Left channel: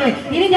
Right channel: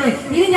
对你的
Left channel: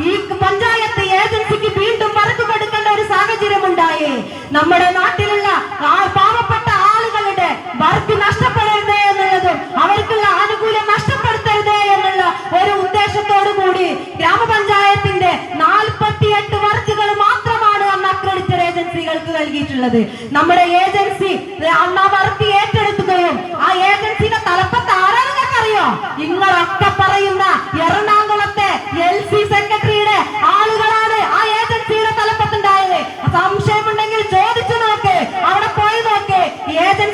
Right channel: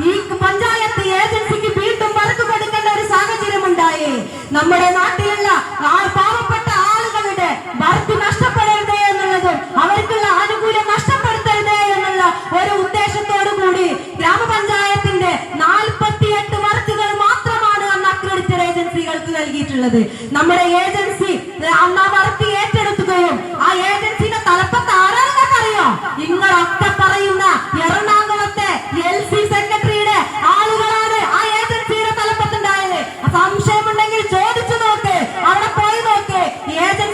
ഈ പഞ്ചായത്ത് ഏജൻസിക്ക് വീണ്ടും വർക്ക് കൊടുക്കേണ്ട ഒരു സാഹചര്യം ഉണ്ടായി നമ്മുടെ നാട്ടിലുള്ള പാവപ്പെട്ട ആളുകളുടെ വർക്ക് നഷ്ടപ്പെടരുത് എന്നുള്ളതും അവർക്കുള്ള ആനുകൂല്യം നഷ്ടപ്പെടുത്തരുത് എന്നുള്ള ഒരു ഉദ്ദേശത്തോടു കൂടി ഗ്രാമപഞ്ചായത്തിന്റെ നാൽപ്പത്തിയെട്ട് വർക്കുകൾ മാത്രമാണ് അന്ന് അക്രഡിറ്റഡ് ഏജൻസികൾക്ക് നൽകിയിട്ടുള്ളത്. നമ്മുടെ ഏജൻസി അന്ന് ആ വർക്ക് ഏറ്റെടുക്കുകയും ആ ഏജൻസിയുടെ തലപ്പത്ത്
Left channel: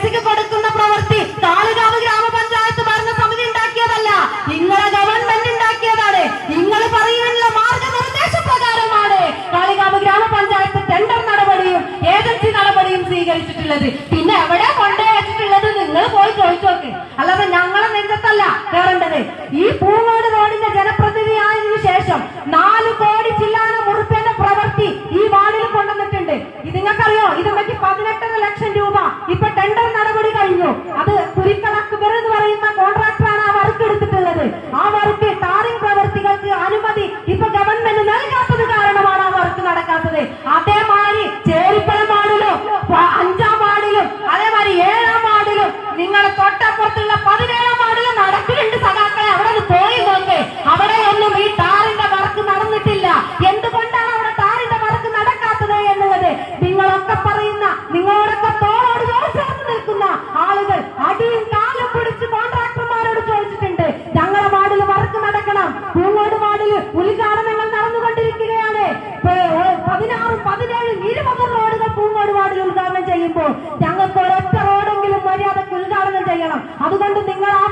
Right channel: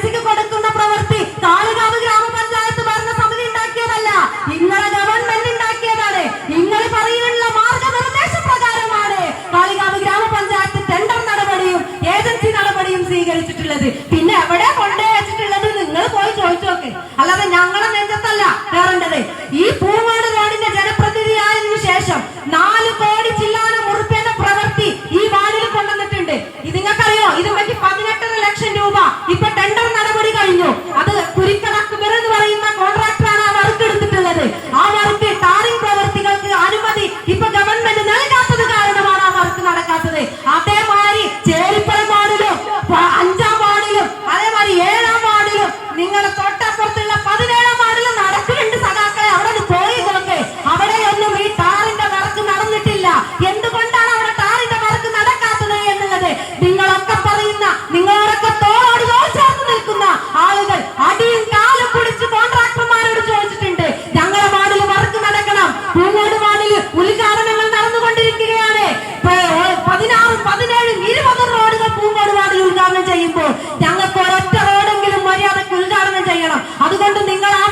ഏജൻസിക്ക് കൊടുക്കുന്ന പ്രവൃത്തി. കാളികാവ് ഗ്രാമപഞ്ചായത്ത് ഭരണസമിതി ഉണ്ടാക്കിയതല്ല. നിങ്ങളെ ഗവൺമെന്റ് ഉണ്ടാക്കിയതാണ്. നിങ്ങൾ പറയുന്ന മാർഗനിർദ്ദേശ പ്രകാരമാണ് കാളികാവ് ഗ്രാമപഞ്ചായത്ത് ടെൻഡർ നടപടിയും ഏജൻസി നടപടിയും സ്വീകരിച്ചിട്ടുള്ളത്. പിന്നെ എവിടെ കൊണ്ടേ വെച്ചിട്ടുള്ളത് നിങ്ങൾ പോയി ചോദിച്ചോക്കെ. അല്ലാതെ ഞങ്ങളെ നെഞ്ചത്തല്ല കയറേണ്ടത് ഈ പൂങ്ങോട് നടക്കാത്തത് അതേമാതിരി ചേരിപ്പല വാർഡിലും അഞ്ചാം വാർഡിലും അതേമാതിരി ഏഴാം വാർഡിലും നിങ്ങളെ തൊട്ടപ്പുറത്തുള്ള പതിനേഴാം വാർഡിലും നടക്കുന്നുണ്ട് സഖാക്കളെ. അവിടെ ഒന്ന് പോയി നോക്ക്. അവിടെയൊന്നും ഈ ടാറിന്റെ വർക്ക് നടന്നിട്ടില്ല. എന്തുകൊണ്ടാണ് അവിടെ ടാറിന്റെ വർക്ക് നടക്കാത്തത് എന്നുള്ളത്? നിങ്ങളൊക്കെ പറയുന്ന നിങ്ങളോടൊക്കെ ചെയ്യുമ്പോൾ ഞങ്ങൾക്ക് ഒരൊറ്റ റോഡെങ്കിലും മര്യാദയ്ക്ക് ഉദ്ഘാടനം ചെയ്യണം. അതുകൊണ്ട് നിങ്ങൾ ആ